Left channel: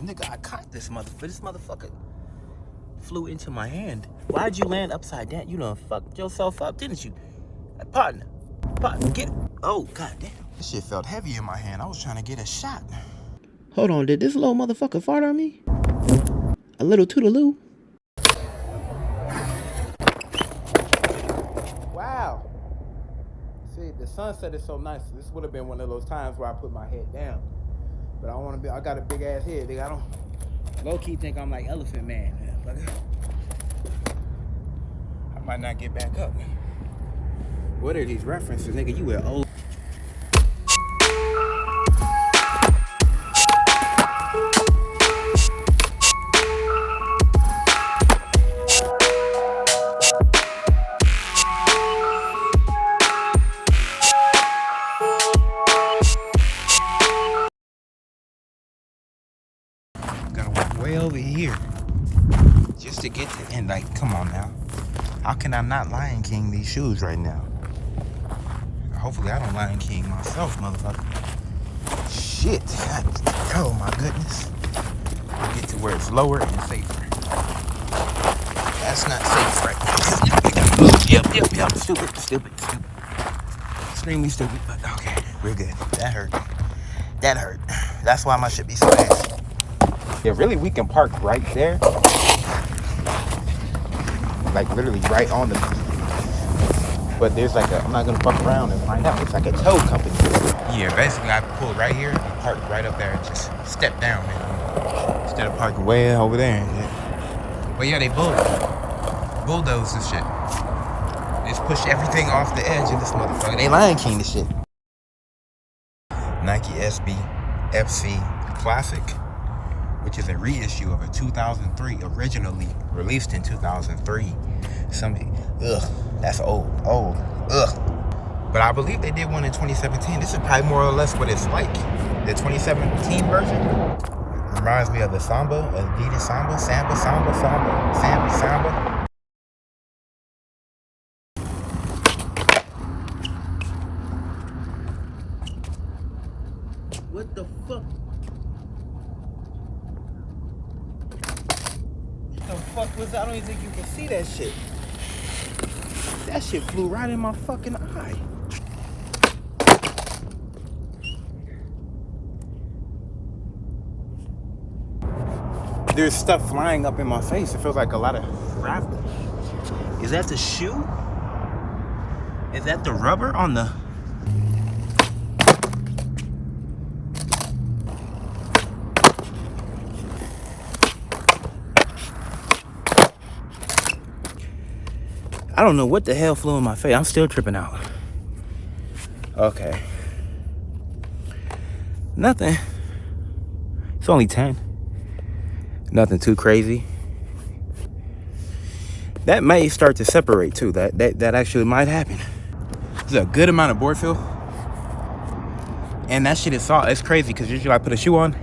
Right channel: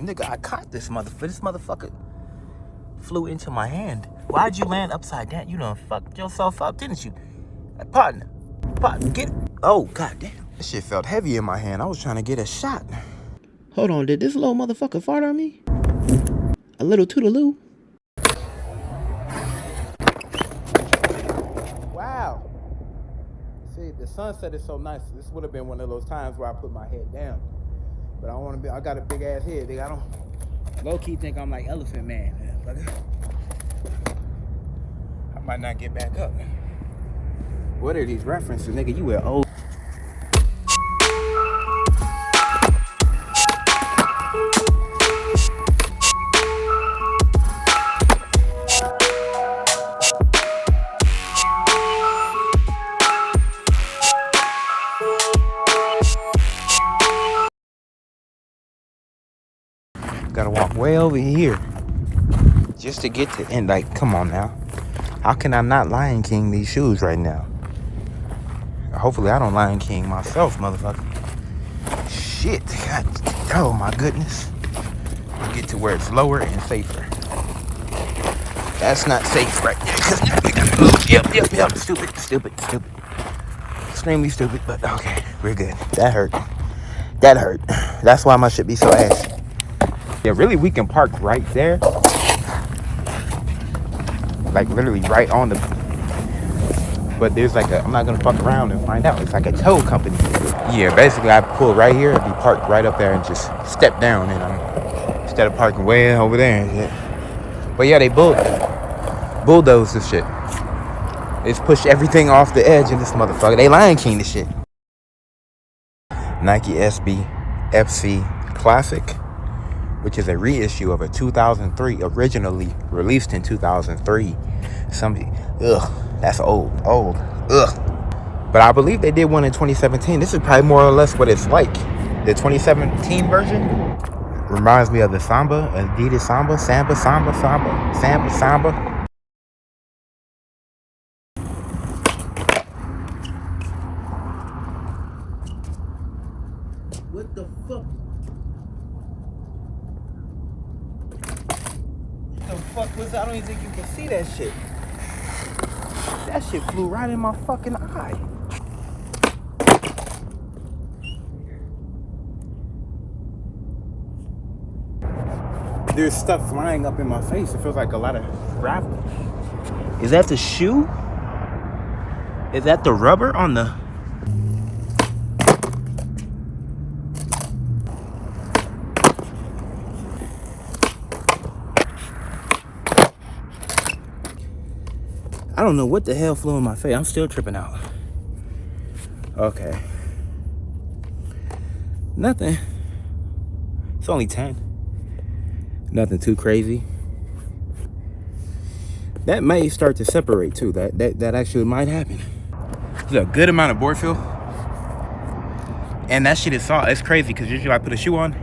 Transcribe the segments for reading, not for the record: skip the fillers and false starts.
Nigga, I caught this motherfucker. This motherfucker flew into my hand. Why'd you land upside down? You done fucked yourself up, didn't you? Partner, get it. Oh, goddamn. This shit felt heavy in my hand. I was trying to get a shot. Hold on, did this little motherfucker fart on me? A little toodaloo? Wow. See, the sunset is so nice. This would have been one of those times where I put my head down. But I want to be, I got a big ass head, nigga. I don't low-key think I'm like Elephant Man. I might not get back up. What are these references, nigga? You were old. Gotta walk way over here just to get to end. Like, come on now. How can I not Lion King these shoes right now? Hopefully I don't Lion King myself, motherfucker. Shit. God, oh my goodness. Get to where it's lower and safer. That's not safe right now. Yep. Stupid. Extremely stupid, but okay, we're good. That hurt. That's why my shit be so ass. Yeah, really, we can park right there. Like, literally right on the... But there's like a... I'm not gonna fuck around and find out. It's like a tow company. Yeah, basically, I pull right here and park right up there and just step down, you know, instead of parking way over there and shit. But yeah, they bulldoze this shit. They just push everything off the edge in this motherfucker. They Lion King this shit. Nike SB FC Classic, which is a reissue of a 2003, originally released in 2003. That's old, But I believe they did one in 2017. This is probably more or less what it's like. The 2017 version reminds me of the Samba, Adidas Samba. What the fuck? The fuck was that? I don't even think you can see that shit. That shit flew right in my fucking eye. There's stuff flying up in my face. It feels like a lot of gravel. Is that the shoe? Is that the rubber on the... I don't know what the hell flew in my face. I'm still tripping out. Okay. Nothing. It's only 10. Nothing too crazy. That may start to separate too. That actually might happen. There's a good amount of board fill. And that shit is soft. It's crazy because usually I put a shoe on,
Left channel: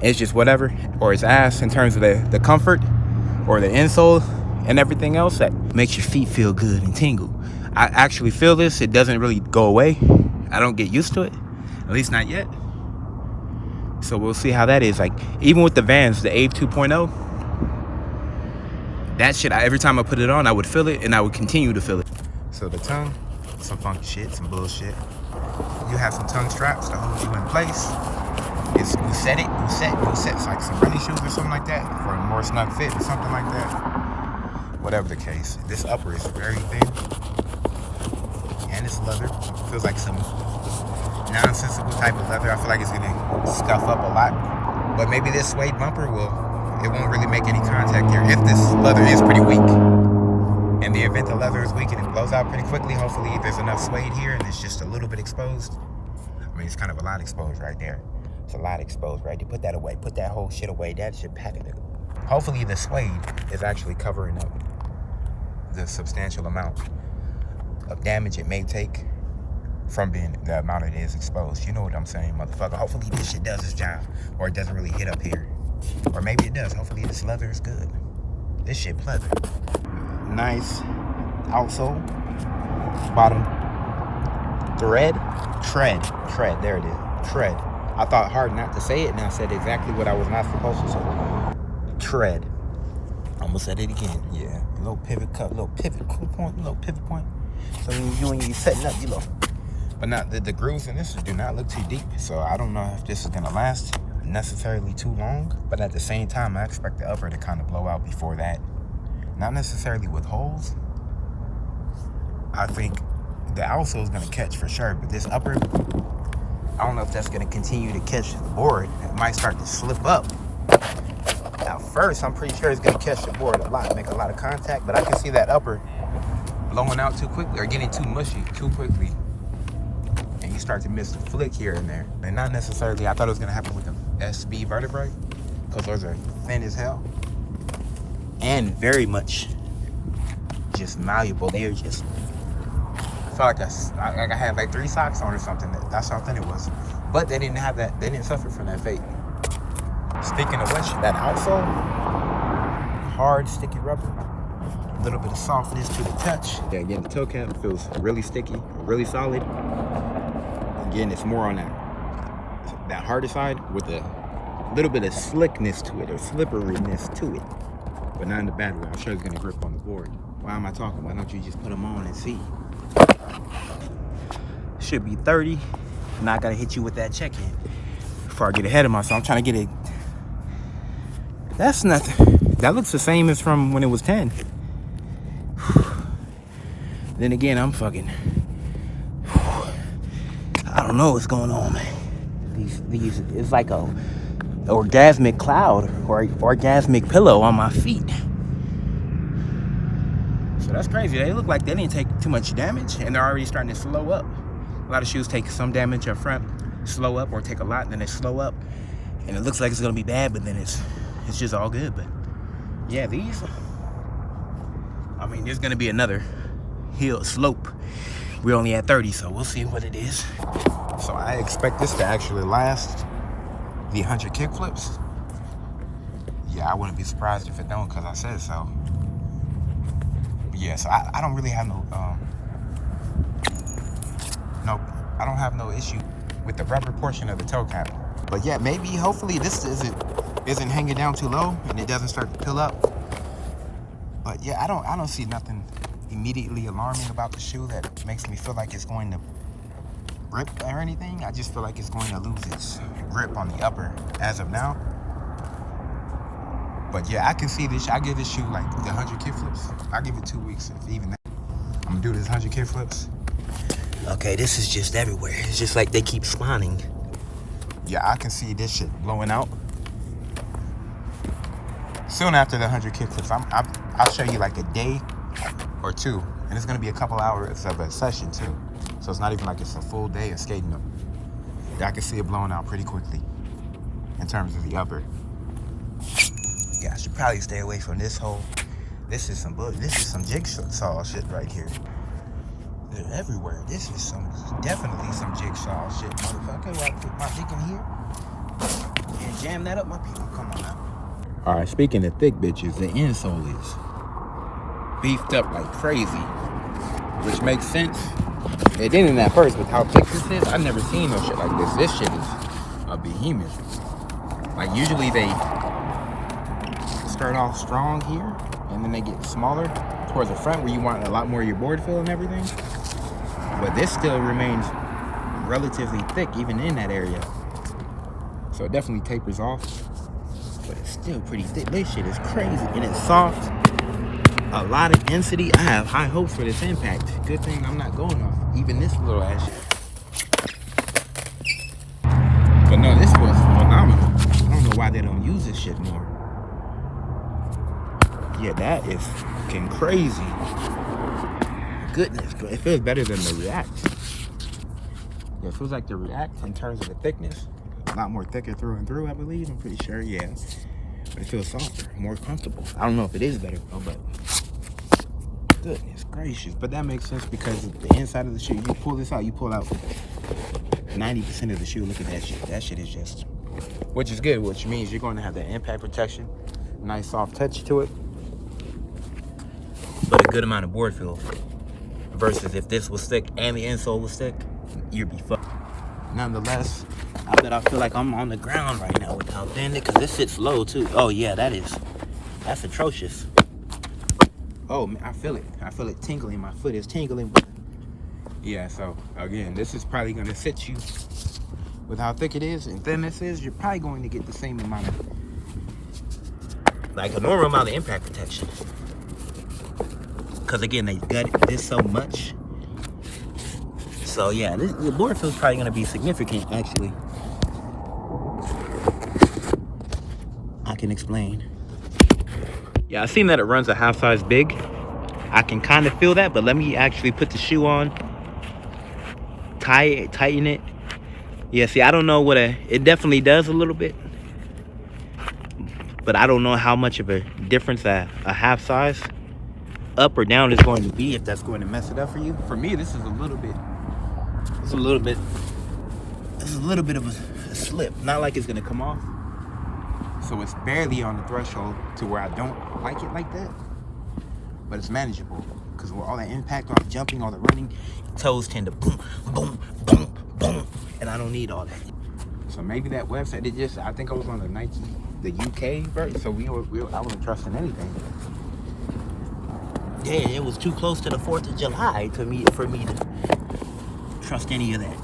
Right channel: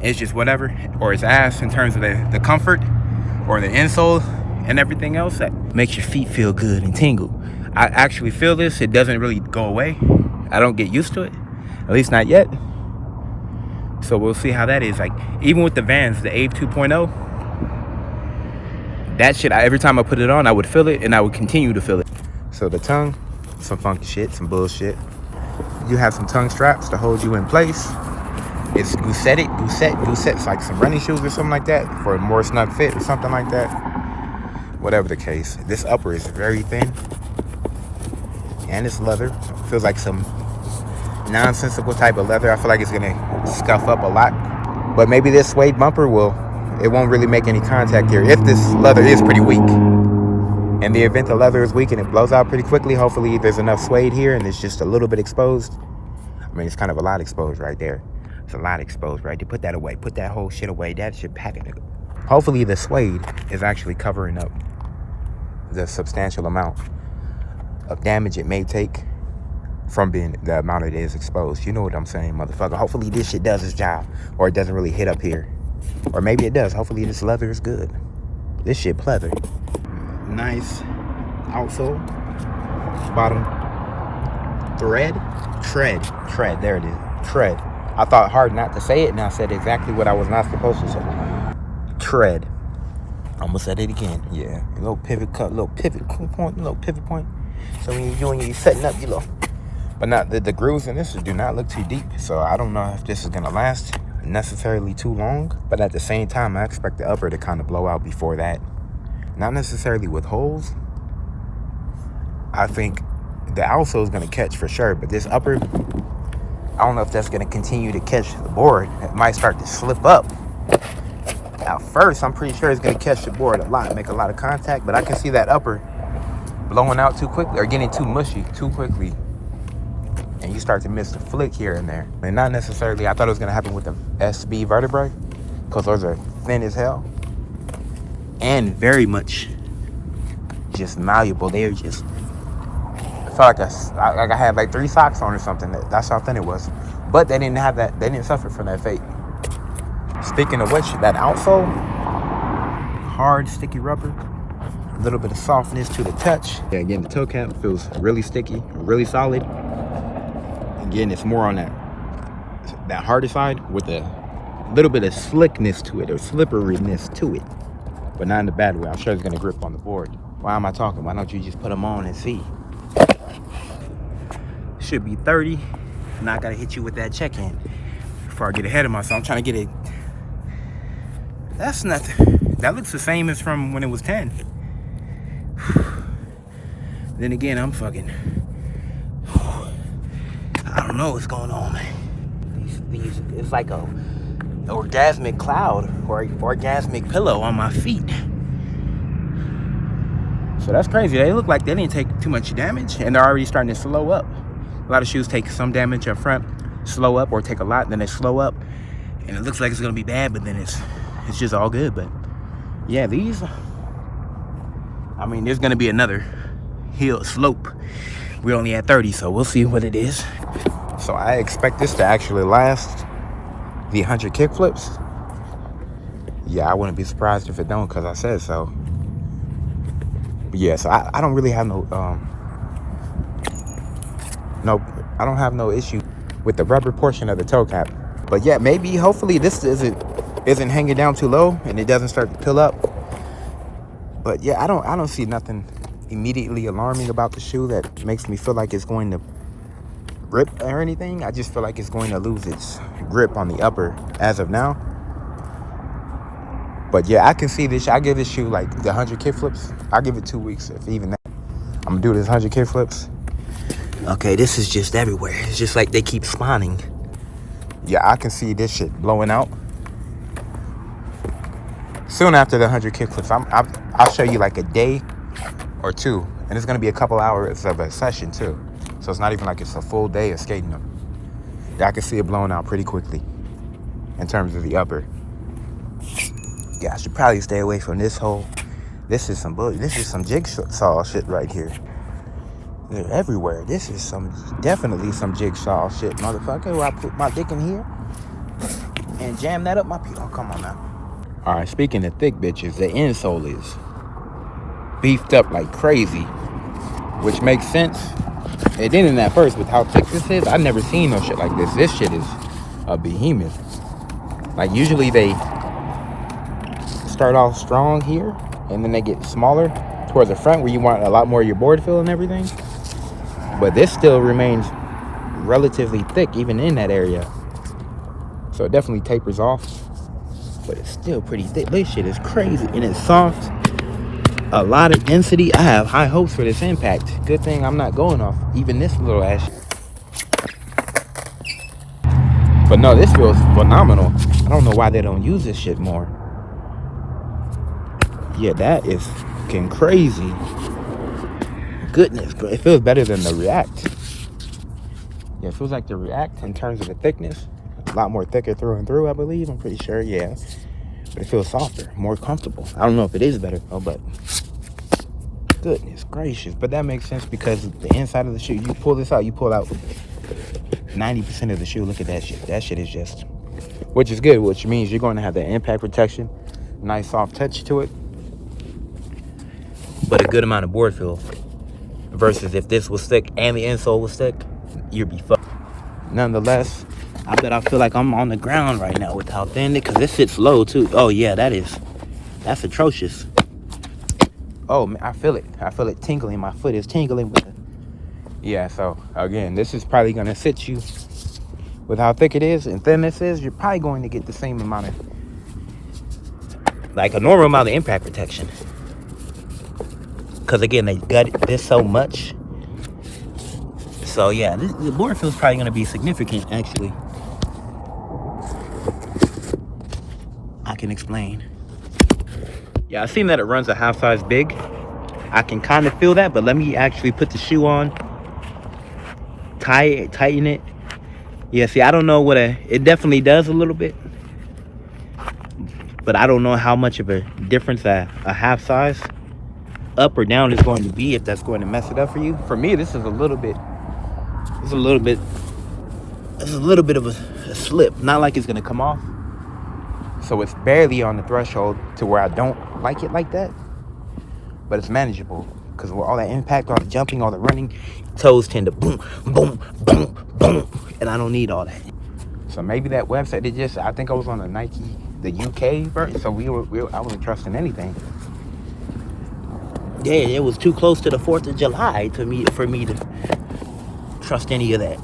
it's just whatever. Or it's ass in terms of the comfort or the insole and everything else that makes your feet feel good and tingle. I actually feel this. It doesn't really go away. I don't get used to it, at least not yet. So we'll see how that is. Like, even with the Vans, the Ave 2.0, that shit, every time I put it on, I would feel it and I would continue to feel it. So the tongue, some funky shit, some bullshit. You have some tongue straps to hold you in place. It's Gusset. It's like some running shoes or something like that for a more snug fit or something like that. Whatever the case, this upper is very thin and it's leather. It feels like some nonsensical type of leather. I feel like it's gonna scuff up a lot, but maybe this suede bumper it won't really make any contact here if this leather is pretty weak. In the event the leather is weak and it blows out pretty quickly, hopefully there's enough suede here and it's just a little bit exposed. I mean, it's kind of a lot exposed right there. It's a lot exposed right there. Put that away. Put that whole shit away. That shit packing. Hopefully the suede is actually covering up the substantial amount of damage it may take from being the amount it is exposed. You know what I'm saying, motherfucker. Hopefully this shit does its job, or it doesn't really hit up here, or maybe it does. Hopefully this leather is good. This shit pleather. Nice outsole, bottom tread. There it is. Tread. I thought hard not to say it, and I said exactly what I was not supposed to say. Tread. I'm gonna say it again. Yeah, a little pivot cut, little pivot point. So when you're setting up, you know. But not the grooves in this do not look too deep. So I don't know if this is gonna last necessarily too long. But at the same time, I expect the upper to kind of blow out before that. Not necessarily with holes. I think the outsole is gonna catch for sure, but this upper, I don't know if that's gonna continue to catch the board. It might start to slip up. At first, I'm pretty sure it's gonna catch the board a lot, make a lot of contact, but I can see that upper blowing out too quickly or getting too mushy too quickly. And you start to miss the flick here and there. And not necessarily, I thought it was gonna happen with the SB vertebrae, because those are thin as hell. And very much just malleable. They're just, I felt like I had like 3 socks on or something. That's how thin it was. But they didn't have that, they didn't suffer from that fate. Speaking of which, that outsole, hard, sticky rubber, a little bit of softness to the touch. Yeah, again, the toe cap feels really sticky, really solid. Again, it's more on that harder side with a little bit of slickness to it or slipperiness to it, but not in the bad way. I'm sure it's gonna grip on the board. Why am I talking? Why don't you just put them on and see? Should be 30. I'm not gonna hit you with that check-in before I get ahead of myself. I'm trying to get it. That's nothing. That looks the same as from when it was 10. Then again, I'm fucking, I don't know what's going on, man. These it's like a orgasmic cloud or orgasmic pillow on my feet. So that's crazy. They look like they didn't take too much damage, and they're already starting to slow up. A lot of shoes take some damage up front, slow up, or take a lot, then they slow up, and it looks like it's gonna be bad, but then it's just all good. But yeah, these, I mean, there's gonna be another hill slope. We're only at 30, so we'll see what it is. So I expect this to actually last the 100 kickflips. Yeah, I wouldn't be surprised if it don't, because I said so. But yeah, so I don't really have I don't have no issue with the rubber portion of the toe cap. But yeah, maybe, hopefully this isn't hanging down too low and it doesn't start to pill up. But yeah, I don't see nothing immediately alarming about the shoe that makes me feel like it's going to rip or anything. I just feel like it's going to lose its grip on the upper as of now. But yeah, I can see this. I give this shoe like the 100 kickflips. I'll give it 2 weeks, if even that. I'm gonna do this 100 kickflips. Okay, this is just everywhere. It's just like they keep spawning. Yeah, I can see this shit blowing out. Soon after the 100 kickflips, I'll show you like a day or 2. And it's gonna be a couple hours of a session too. So it's not even like it's a full day of skating them. Yeah, I can see it blowing out pretty quickly in terms of the upper. Yeah, I should probably stay away from this hole. This is some bullshit. This is some jigsaw shit right here. They're everywhere. This is definitely some jigsaw shit, motherfucker. Where I put my dick in here and jam that up my pee. Oh, come on now. All right, speaking of thick bitches, the insole is beefed up like crazy, which makes sense. It didn't at first with how thick this is. I've never seen no shit like this. This shit is a behemoth. Like usually they start off strong here and then they get smaller towards the front where you want a lot more of your board feel and everything. But this still remains relatively thick even in that area. So it definitely tapers off, but it's still pretty thick. This shit is crazy and it's soft. A lot of density. I have high hopes for this impact. Good thing I'm not going off even this little ass. But no, this feels phenomenal. I don't know why they don't use this shit more. Yeah, that is fucking crazy. Goodness, but it feels better than the React. Yeah, it feels like the React in terms of the thickness. A lot more thicker through and through, I believe. I'm pretty sure, yeah. But it feels softer, more comfortable. I don't know if it is better though, but goodness gracious. But that makes sense because the inside of the shoe, you pull this out, you pull out 90% of the shoe. Look at that shit. That shit is just, which is good, which means you're going to have the impact protection, nice soft touch to it, but a good amount of board feel. Versus if this was thick and the insole was thick, you'd be fucked. Nonetheless, I bet I feel like I'm on the ground right now with how thin it, because this sits low too. Oh yeah, that's atrocious. Oh man, I feel it tingling. My foot is tingling with it. Yeah, so again, this is probably gonna sit you with how thick it is and thin this is. You're probably going to get the same amount of, like a normal amount of impact protection. Because again, they gutted this so much. So yeah, the board feels probably gonna be significant actually. I can explain. Yeah, I've seen that it runs a half size big. I can kind of feel that, but let me actually put the shoe on, tighten it. Yeah, see, I don't know it definitely does a little bit, but I don't know how much of a difference a half size up or down is going to be, if that's going to mess it up for you. For me, this is a little bit of a slip. Not like it's gonna come off. So it's barely on the threshold to where I don't like it like that, but it's manageable because with all that impact, all the jumping, all the running, toes tend to boom, boom, boom, boom, and I don't need all that. So maybe that website, I think I was on the Nike, the UK version, so I wasn't trusting anything. Yeah, it was too close to the 4th of July for me to trust any of that.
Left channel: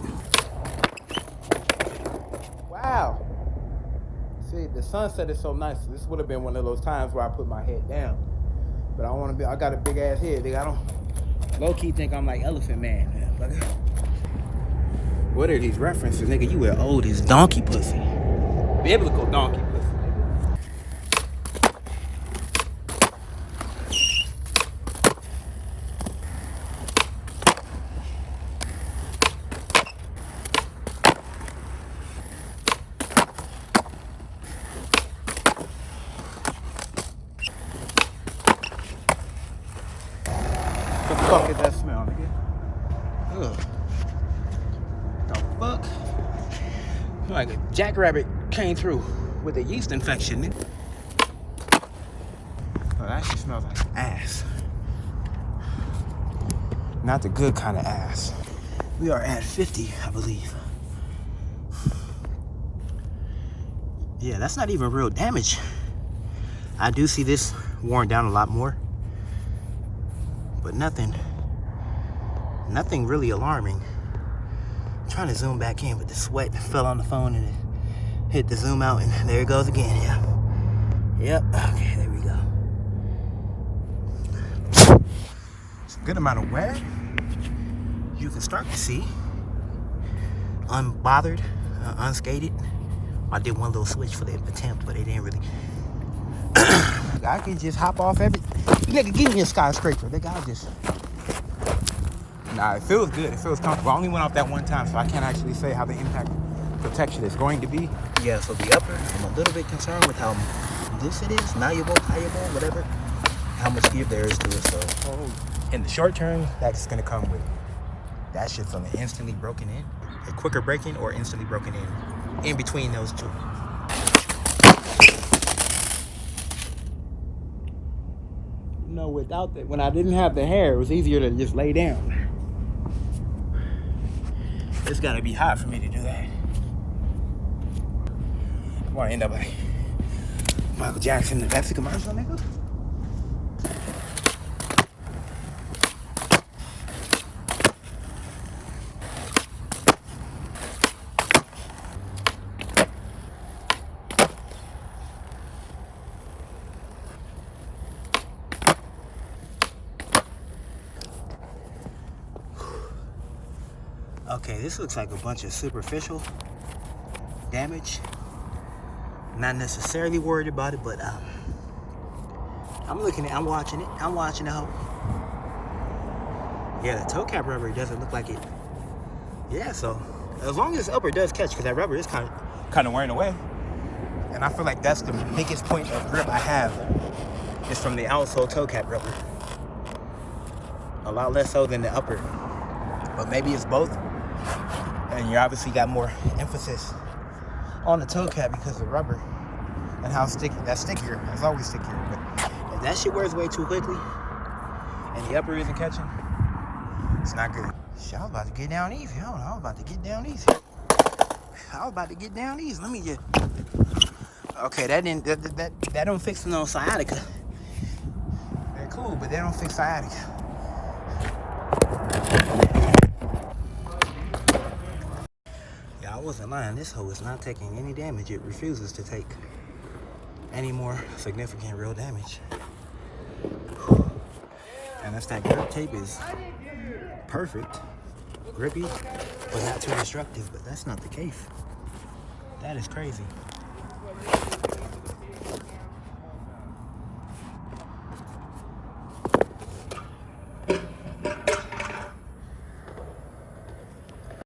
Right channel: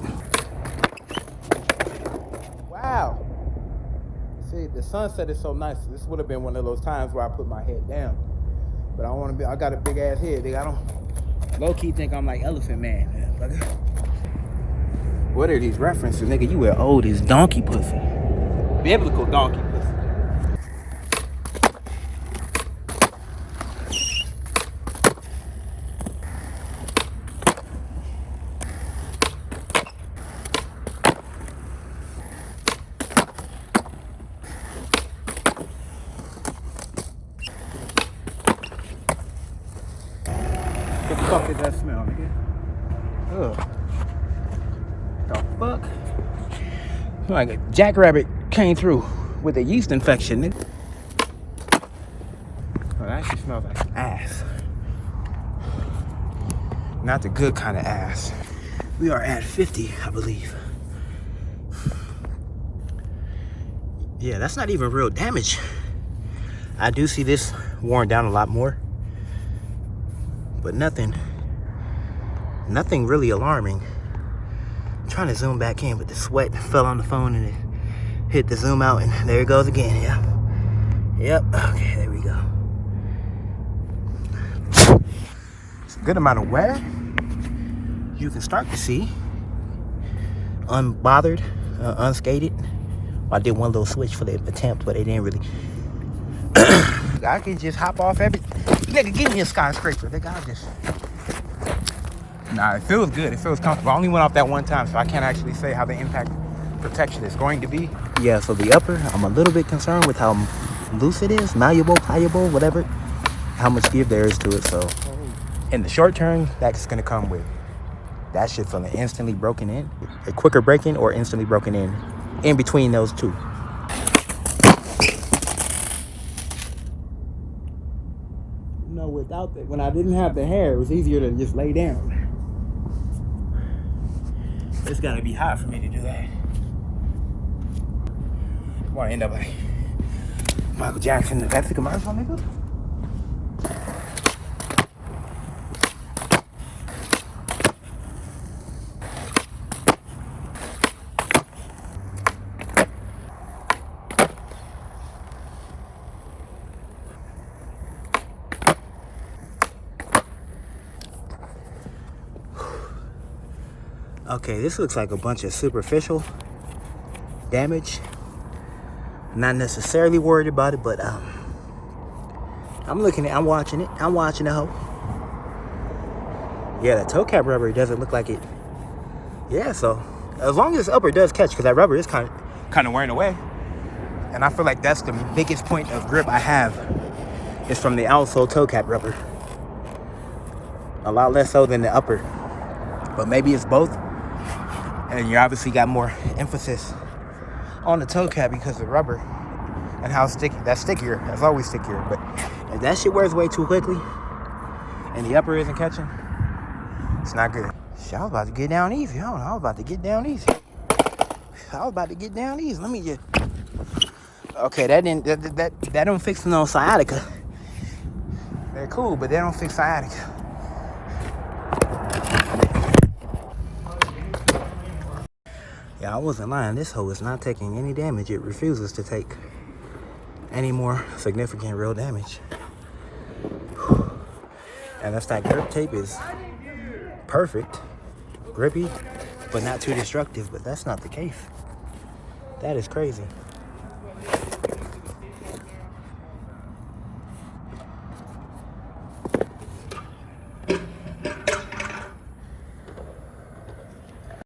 Wow. See, the sunset is so nice. This would have been one of those times where I put my head down. But I got a big ass head, nigga. I don't low-key think I'm like Elephant Man. What are these references, nigga? You were old as donkey pussy. Biblical donkey pussy. What the fuck is that smell, nigga? Ugh. The fuck? Like a jackrabbit came through with a yeast infection, nigga. Oh, that actually smells like ass. Not the good kind of ass. We are at 50, I believe. Yeah, that's not even real damage. I do see this worn down a lot more, but nothing really alarming. I'm trying to zoom back in, but the sweat fell on the phone and it hit the zoom out, and there it goes again. Yeah. Yep. Okay, there we go. It's a good amount of wear. You can start to see unbothered, unscathed. I did one little switch for the attempt, but it didn't really. I can just hop off nigga, give me a skyscraper. Nigga, nah, it feels good. It feels comfortable. I only went off that one time, so I can't actually say how the impact protection is going to be. Yeah, so the upper, I'm a little bit concerned with how loose it is, malleable, pliable, whatever, how much give there is to it. So in the short term, that's gonna come with that shit feeling instantly broken in, a quicker break-in or instantly broken in between those two. You know, without that, when I didn't have the hair, it was easier to just lay down. It's gotta be hot for me to do that. I wanna end up like Michael Jackson in the Pepsi commercial, nigga. Okay, this looks like a bunch of superficial damage. Not necessarily worried about it, but I'm watching it. I'm watching the hoe. Yeah, the toe cap rubber doesn't look like it. Yeah, so as long as this upper does catch, because that rubber is kind of wearing away. And I feel like that's the biggest point of grip I have, is from the outsole toe cap rubber. A lot less so than the upper. But maybe it's both. And you obviously got more emphasis on the toe cap because of rubber and how sticky. That's stickier. That's always stickier. But if that shit wears away too quickly and the upper isn't catching, it's not good. Shit, I was about to get down easy. I don't know. I was about to get down easy. I was about to get down these. Let me just. Okay, that don't fix no sciatica. They're cool, but they don't fix sciatica. Yeah, I wasn't lying. This hoe is not taking any damage. It refuses to take any more significant real damage. And if that grip tape is perfect, grippy, but not too destructive, but that's not the case. That is crazy.